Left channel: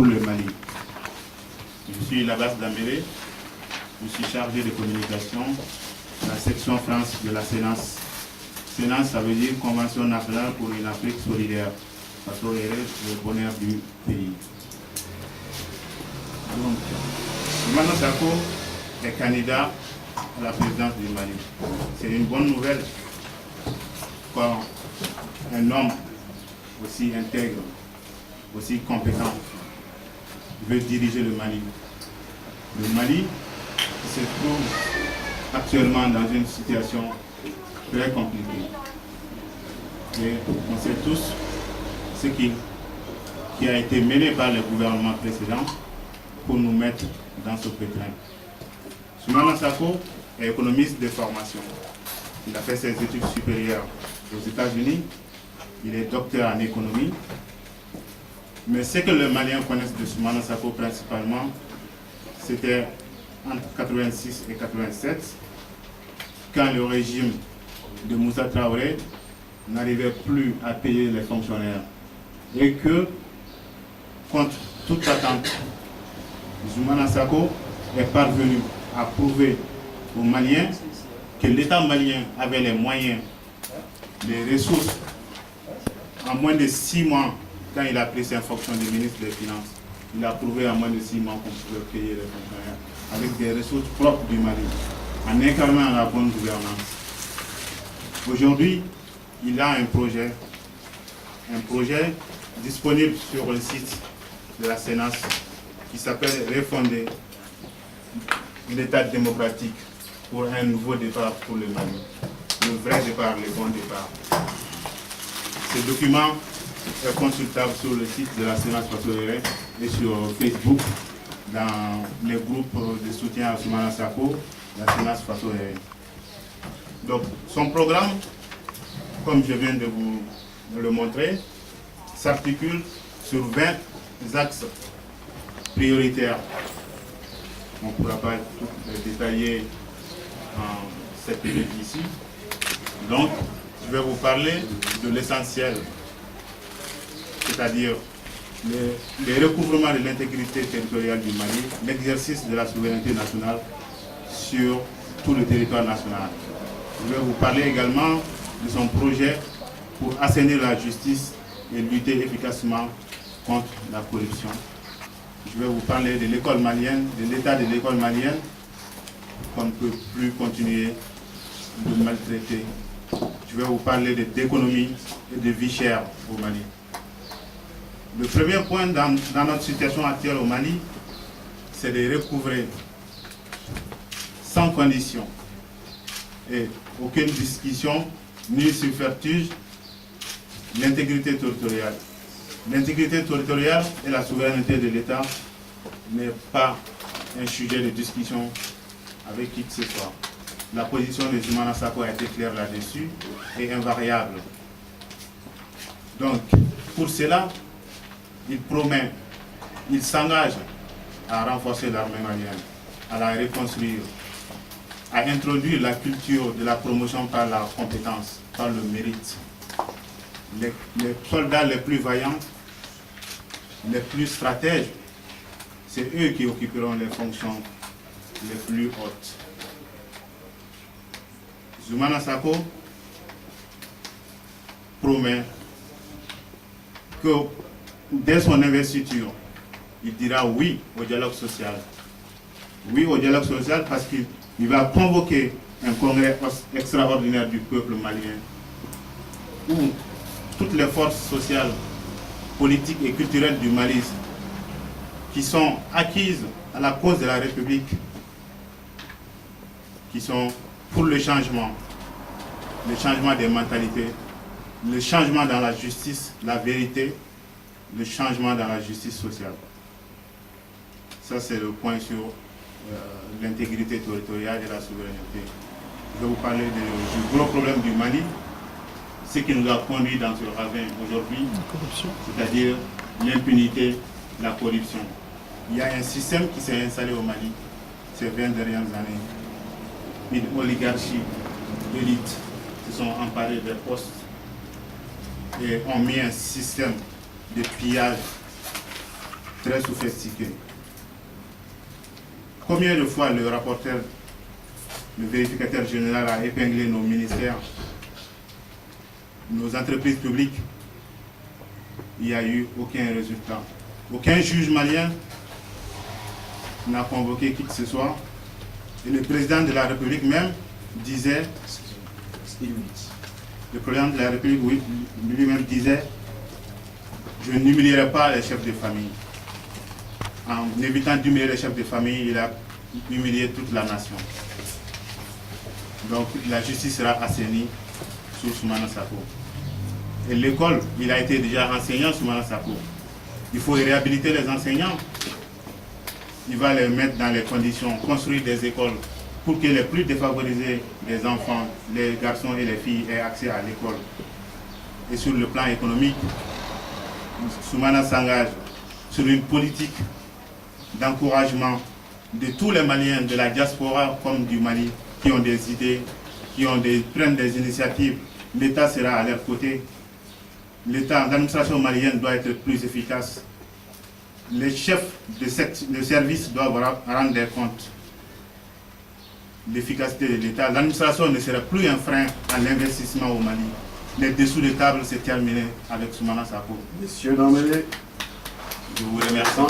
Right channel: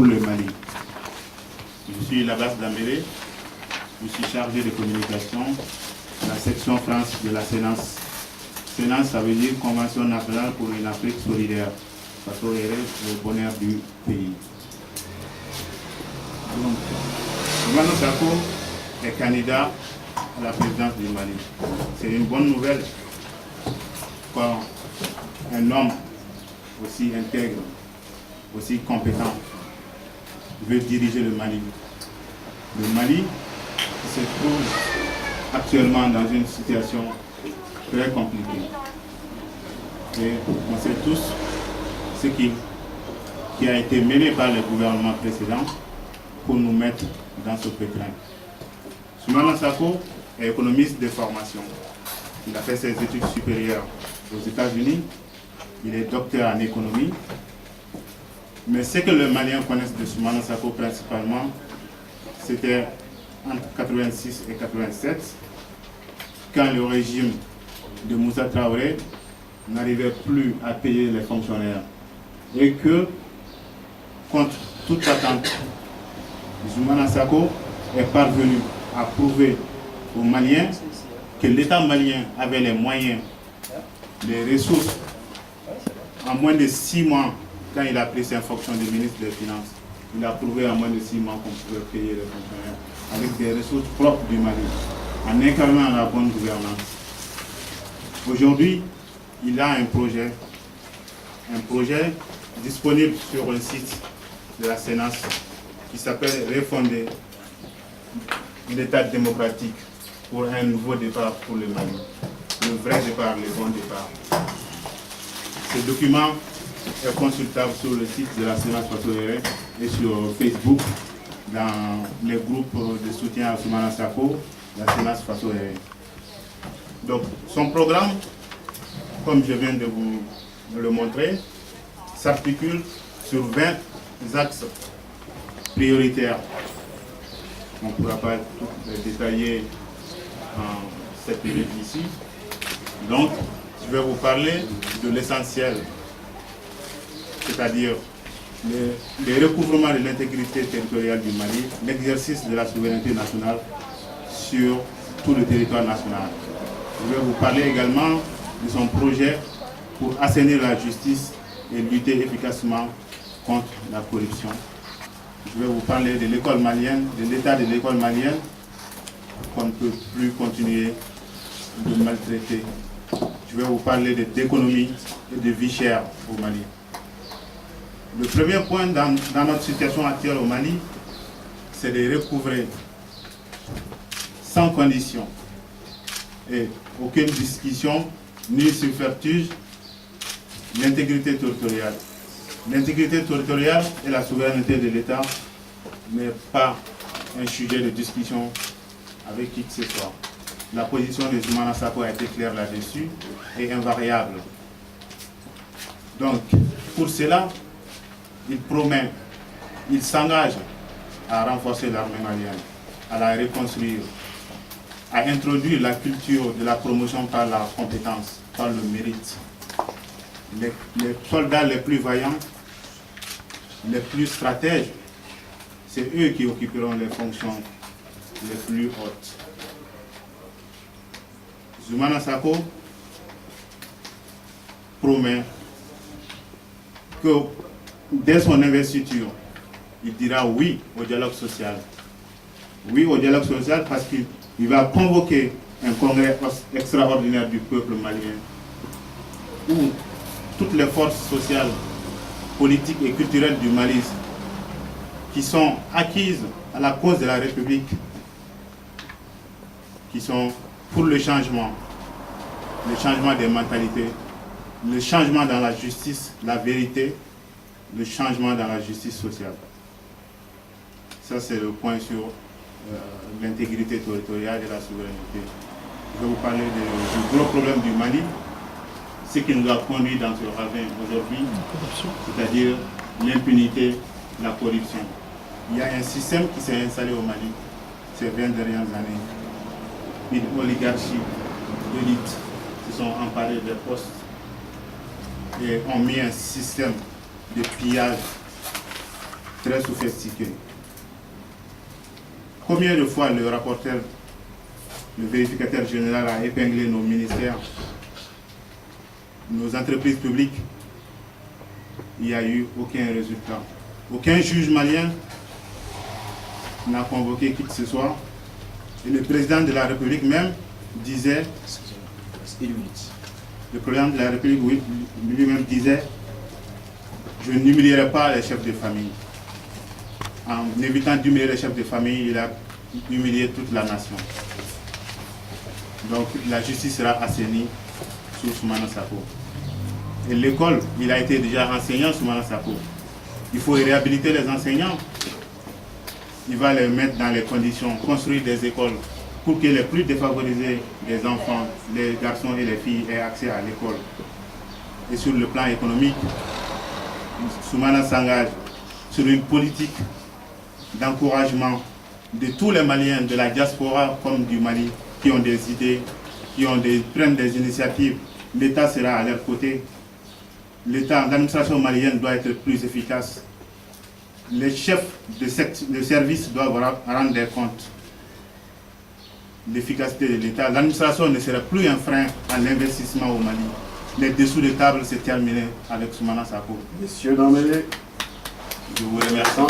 pour le Mali. Je suis Labas Dambélé, je suis chargé de communication de la section France de la CNAS. CNAS, ça veut dire Convention nationale pour une Afrique solidaire. Ça serait le bonheur du pays. Donc, Ousmane Sonko est candidat à la présidence du Mali. C'est une bonne nouvelle quand un homme aussi intègre, aussi compétent veut diriger le Mali. Le Mali se trouve actuellement dans une situation très compliquée. Et on sait tous ce qui a été mené par le gouvernement précédent pour nous mettre dans ce pétrin. Ousmane Sonko est économiste de formation. Il a fait ses études supérieures aux États-Unis. Il est docteur en économie. Mais ce que les Maliens connaissent de Ousmane Sonko principalement, c'était entre 86 et 87, quand le régime de Moussa Traoré n'arrivait plus à payer les fonctionnaires. Et que, contre toute attente, Ousmane Sonko est parvenu à prouver aux Maliens que l'État malien avait les moyens, les ressources. En moins de 6 mois, quand il a pris ses fonctions de ministre des Finances, il a prouvé en moins de 6 mois qu'on pouvait payer les fonctionnaires avec des ressources propres du Mali, en incarnant la bonne gouvernance. Aujourd'hui, il a un projet disponible sur le site de la CNAS qui s'appelle Refonder l'État démocratique pour un nouveau départ pour le Mali. Le vrai départ, le bon départ. Ce document est consultable sur le site de la CNAS Faso-Ere et sur Facebook dans les groupes de soutien à Ousmane Sonko, la CNAS Faso-Ere. Donc son programme, comme je viens de vous le montrer, s'articule sur 20 axes prioritaires. On ne pourra pas tout les détailler en cette minute ici. Donc, je vais vous parler de l'essentiel, c'est-à-dire le recouvrement de l'intégrité territoriale du Mali, l'exercice de la souveraineté nationale sur tout le territoire national. Je vais vous parler également de son projet pour assainir la justice et lutter efficacement contre la corruption. Je vais vous parler de l'école malienne, de l'état de l'école malienne, qu'on ne peut plus continuer de maltraiter. Je vais vous parler d'économie et de vie chère au Mali. Le premier point dans notre situation actuelle au Mali, c'est de recouvrer sans condition et aucune discussion ni subterfuge l'intégrité territoriale. L'intégrité territoriale et la souveraineté de l'État n'est pas un sujet de discussion avec qui que ce soit. La position de Ousmane Sonko a été claire là-dessus et invariable. Donc, pour cela, il promet, il s'engage à renforcer l'armée malienne, à la reconstruire, à introduire la culture de la promotion par la compétence, par le mérite. Les soldats les plus vaillants, les plus stratèges, c'est eux qui occuperont les fonctions les plus hautes. Ousmane Sonko promet que dès son investiture, il dira oui au dialogue social. Oui au dialogue social parce qu'il va convoquer un congrès extraordinaire du peuple malien où toutes les forces sociales, politiques et culturelles du Mali qui sont acquises à la cause de la République, qui sont pour le changement des mentalités, le changement dans la justice, la vérité, le changement dans la justice sociale. Ça, c'est le point sur l'intégrité territoriale et la souveraineté. Je vais vous parler du gros problème du Mali, ce qui nous a conduit dans ce ravin aujourd'hui, c'est-à-dire l'impunité, la corruption. Il y a un système qui s'est installé au Mali ces 20 dernières années. Une oligarchie d'élite se sont emparés des postes et ont mis un système de pillage très sophistiqués. Combien de fois le rapporteur, le vérificateur général a épinglé nos ministères, nos entreprises publiques? Il n'y a eu aucun résultat. Aucun juge malien n'a convoqué qui que ce soit. Et le président de la République même disait, le président de la République lui-même disait, je n'humilierai pas les chefs de famille. En évitant d'humilier les chefs de famille, il a humilié toute la nation. Donc la justice sera assainie sous Soumana Sako. Et l'école, il a été déjà enseignant Soumana Sako. Il faut réhabiliter les enseignants. Il va les mettre dans les conditions, construire des écoles pour que les plus défavorisés des enfants, les garçons et les filles aient accès à l'école. Et sur le plan économique, Soumana s'engage sur une politique d'encouragement de tous les Maliens, de la diaspora comme du Mali, qui ont des idées, prennent des initiatives. L'État sera à leur côté. L'administration malienne doit être plus efficace. Les chefs de service doivent rendre des comptes l'efficacité de l'État. L'administration ne sera plus un frein à l'investissement au Mali. Les dessous de table, c'est terminé avec Soumana Sako. Monsieur Dambélé, je vous remercie.